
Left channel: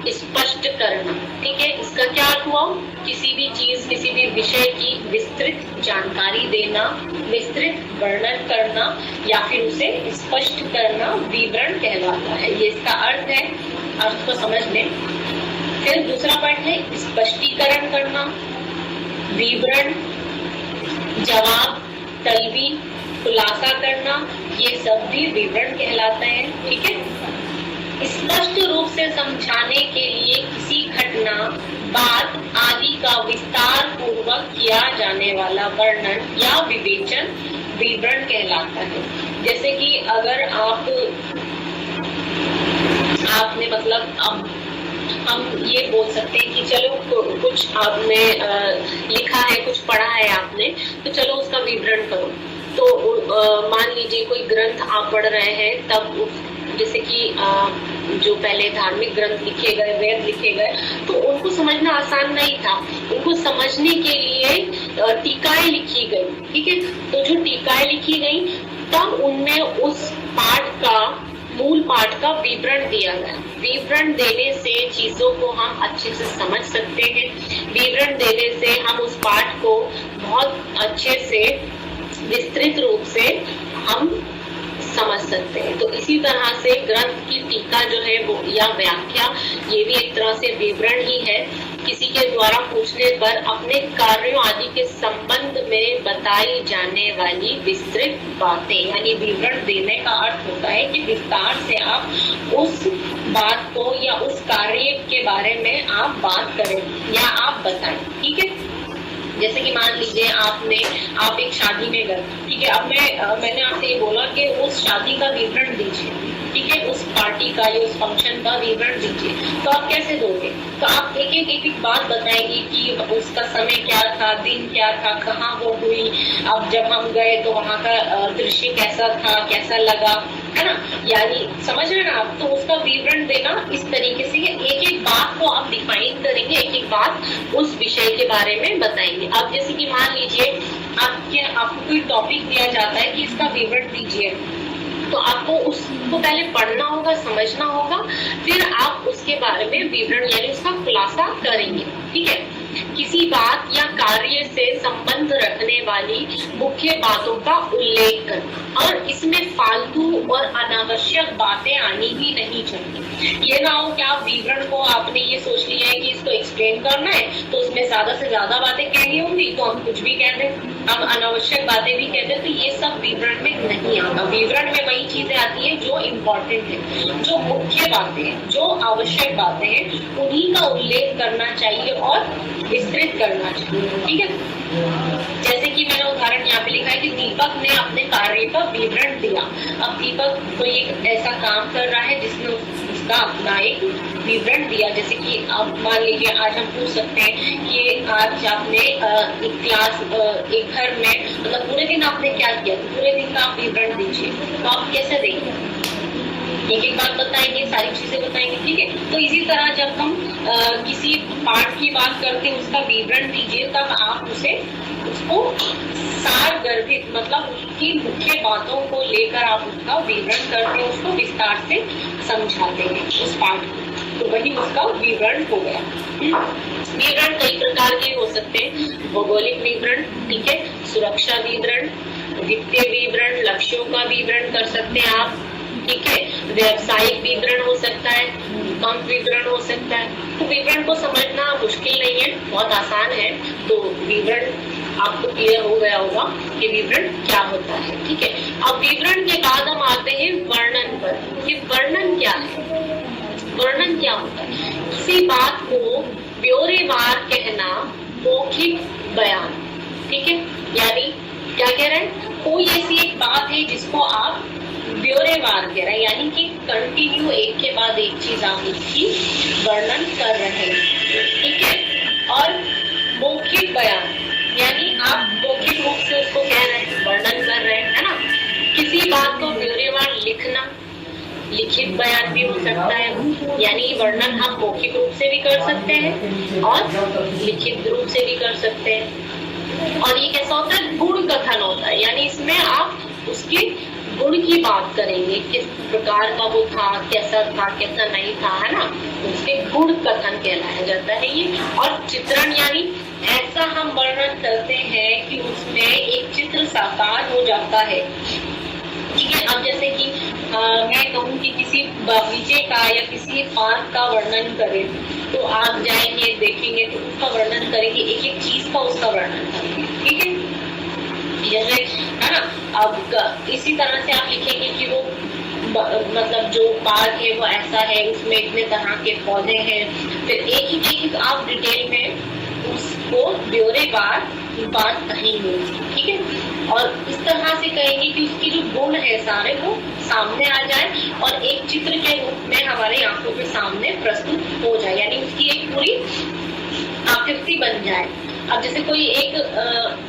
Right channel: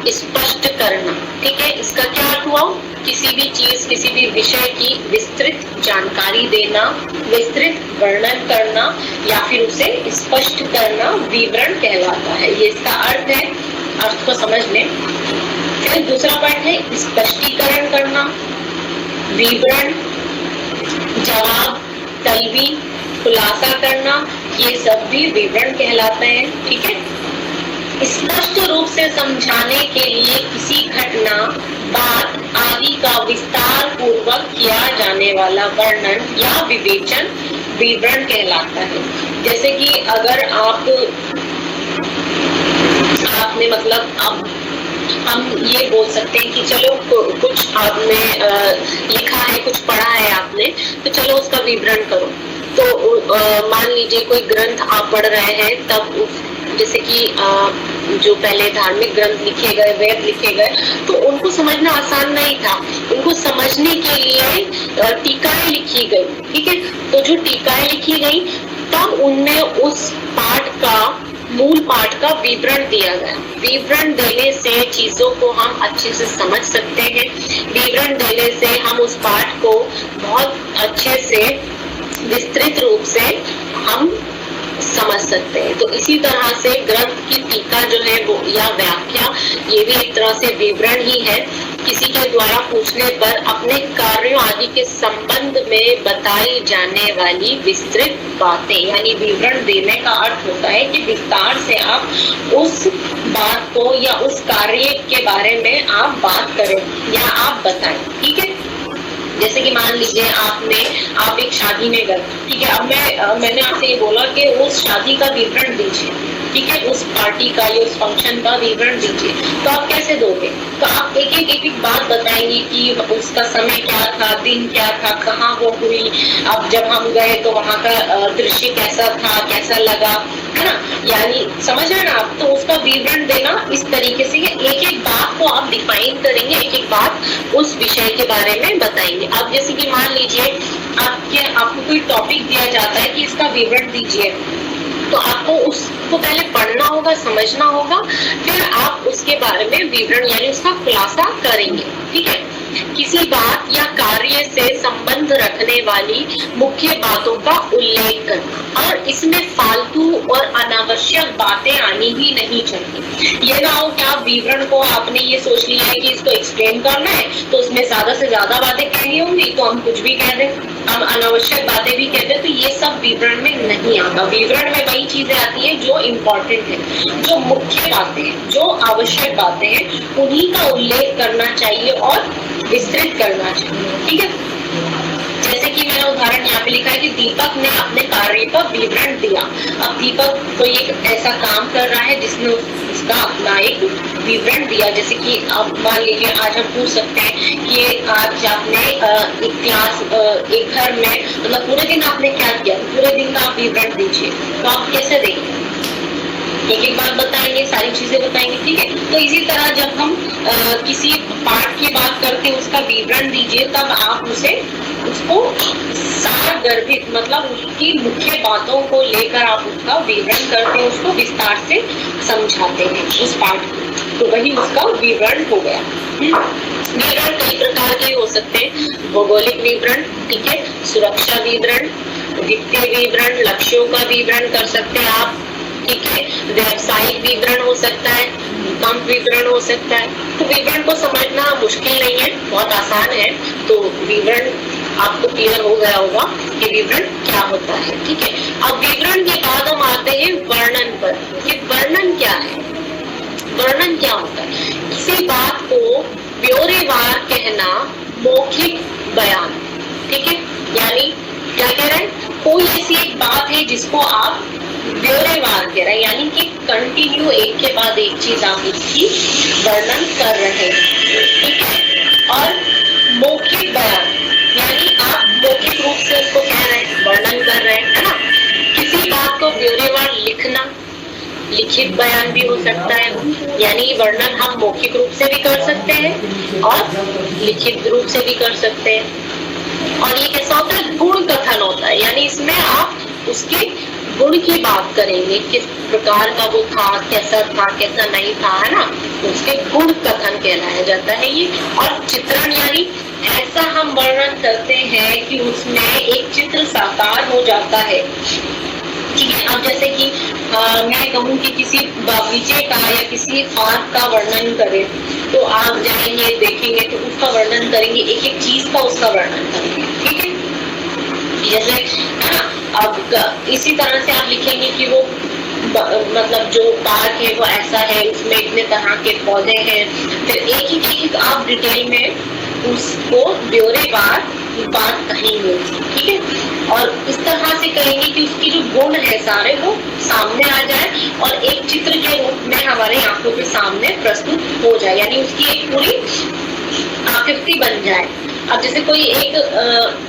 स्पष्ट करना। ठीक है, इसका क्या अर्थ हुआ, किसी भी चीज, किसी भी विषय की विस्तृत जानकारी देना, विस्तृत वर्णन करना या फिर उसे स्पष्ट करना विवरण कहलाता है। ये इसका अर्थ है, अर्थ को समझ लें। फिर दूसरा पॉइंट है स्पष्टीकरण करना, विवरण, जवाब, तलबी, खुलासा करना, ये सब भी विवरण कहलाते हैं। ठीक है, स्पष्ट रूप से समझाने के लिए किसी घटना, बात आदि का विस्तार पूर्वक किया जाने वाला वर्णन या विवेचन विवरण कहलाता है। जैसे कि अगर आपने मतलब हम ये बोल सकते हैं कि चलो कुछ आपने लिखा है, कुछ पढ़ा है आपने, तो चलो उसका विवरण करो। तो मान लीजिए कोई ग्रंथ आप पढ़ रहे हैं, तब जैसे कि जो पहले धार्मिक ग्रंथ लिखे गए, वेद लिखे गए, तो उनको समझना आसान नहीं था। उनको समझने के लिए टीकाएं लिखी गई। ठीक है, तो जो टीकाएं लिखी गई तब उनमें उस पाठ का, मूल पाठ का विवरण दिया गया। विवरण देने से चीजों को हम अच्छे से समझ सकते हैं। विवरण देने से हम उस पाठ को बहुत अच्छे से विस्तृत रूप से हम समझ सकते हैं। तो इसी तरह से ग्रंथ की टीका जो है वो या व्याख्या, ये भी एक तरह से विवरण ही है। किसी के द्वारा पूछने पर अपने कार्यों आदि के संबंध में बताई जाने वाली विस्तृत बातें, यानी विवरण देने का अर्थ होता है कि विस्तार से आप उस बात को या उस कार्य के बारे में आप बात करें या आप बताएं। ठीक है, जैसे कि मान लीजिए आप एक शादी में गए। ठीक है, अब मैंने आपसे ये बोला कि उस शादी का विवरण दीजिए। ठीक है, उस पार्टी का या उस फंक्शन का विवरण दीजिए। तो आप कैसे दोगे, तो आप एक एक बात बताएंगे कि उसका समय क्या था, दिन क्या था, कहाँ वो हुई, अब जब हम गए तो वहाँ का दृश्य कैसा था, कैसा लगा, है ना, यानी समझ रहे ना आप। तो उसका विवरण देना इस तरीके से एक एक बात को आप डिफाइन करेंगे, एक एक बात उस विषय के बारे में बताएंगे। अब जैसे कि मान लीजिए आपको कोई टॉपिक दिया जाता है कि इसका विवरण दीजिए, तो आपको उसको पहले पढ़ना होगा, समझना होगा, फिर आप उसके बारे में विवरण यानी उसका खुलासा करेंगे। ठीक है, किसी बात या कार्य से संबंध रखने वाली मुख्य बातों का उल्लेख करना, और इसमें फालतू और अनावश्यक बातें आनी ही नहीं चाहिए। ये ना हो कि आप विवरण को आपने ये सोच लिया है कि इसको एक्सप्लेन करना है तो उसमें ज्यादा से ज्यादा बातें कहनी होंगी तो हम कुछ भी कह दें, हम अनावश्यक बातें भी कह दें, तो ये सब विवरण में नहीं आता। विवरण में वही चीजें आती है जो इम्पोर्टेंट है, जो मुख्य बातें हैं, जो आवश्यक बातें हैं, उन्हीं का उल्लेख करना चाहिए और विस्तृत करना चाहिए। ठीक है, जैसे कि मैंने उदाहरण यहाँ पे लिखा है कि दीपक ने अपने कार्य का विवरण दिया। अब दीपक कोई एक ऐसा काम कर रहा है जिसमें उसका अपना एक विवरण दिया। जैसे कि अब मान लीजिए आज हम पूछ सकते हैं कि आज आपने एक क्लास एक घर में मतलब पूरे दिन आपने क्या किया, पूरे दिन का आप विवरण दीजिए, तो आप कैसे देंगे? एक एक बात बताएंगे, सारी चीजें बताएंगे। ठीक है, तो इसी तरह जब हम किसी पाठ की बात करते हैं उसका विवरण दीजिए, तब आप उसको सार गर्भित मतलब उसकी मुख्य बातों को लेकर आप उसका विवरण करते हैं, उसको विस्तार से समझाते हैं उस पाठ को, तो वही उसका विवरण हो गया। विवरण कई प्रकार के हो सकते हैं, भौगोलिक विवरण, ठीक है, सुरक्षा विवरण, वित्तीय विवरण, लक्ष्यों का विवरण कर सकते हैं आप, ठीक है, व्यवसायिक विवरण हो सकता है, भूकंप विवरण हो सकता है। तो विवरण को समझना मुश्किल नहीं है, बहुत आसान है। तो विवरण आपको क्लियर हो गया होगा कि विवरण क्या होता है। ठीक है, अब विवरण के बाद हम आते हैं वर्णन पर कि वर्णन क्या है। वर्णन क्या होता है? किसी बात को ब्यौरेवार कहना, मौखिक बयान। ठीक है, यानी क्या कह रहे हैं, कोई ऐसी एक बात है जिसको आप ब्यौरेवार कह रहे हैं, यानी कि कंटिन्यू एक के बाद एक चीज आप उसकी वर्णन कर रहे हैं। ठीक है, और मौखिक बयान यानी आप मौखिक रूप से उसको कह रहे हैं, वर्णन कर रहे हैं, है ना। किसी बात को ब्यौरेवार लिखना, लिखित बयान भी हो सकता है, यानी वर्णन हम मौखिक रूप से भी कर सकते हैं और लिखित रूप से भी कर सकते हैं। और ये कैसा होता है, गुण कथन होता है, यानी इसमें आप उसके गुण की बात करेंगे, किस प्रकार का वो था, कैसा नहीं था, है ना, उसके गुण कथन कहलाया जाता है ये। और चित्रण यानी ऐसा हम वर्णन करते हैं कि उसमें एक चित्र साकार हो जाता है। ठीक है, अब जैसे कि मैं कहूँ कि किसी बागीचे का या किसी पार्क का वर्णन करें, तो आप जाएंगे देखेंगे तो उसका वर्णन करेंगे, एक एक चीज का उसका वर्णन करेंगे। ठीक है, जैसे है ना, अब इसी तरह से आप लिखेंगे कि वो मतलब जो पार्क है वो ऐसा है, उसमें इतने तरह के पौधे हैं, फिर एक आप डिटेल में उसको ब्यौरेवार बात कहेंगे। ठीक है, और इस तरह से कहेंगे कि उसकी जो गुण है सारे वो सामने आ जाए और एक चित्र के रूप में हमारे आंखों के सामने प्रस्तुत हो जाए, यानी उसकी एक पूरी आकृति बन जाए। अब जैसे कोई एक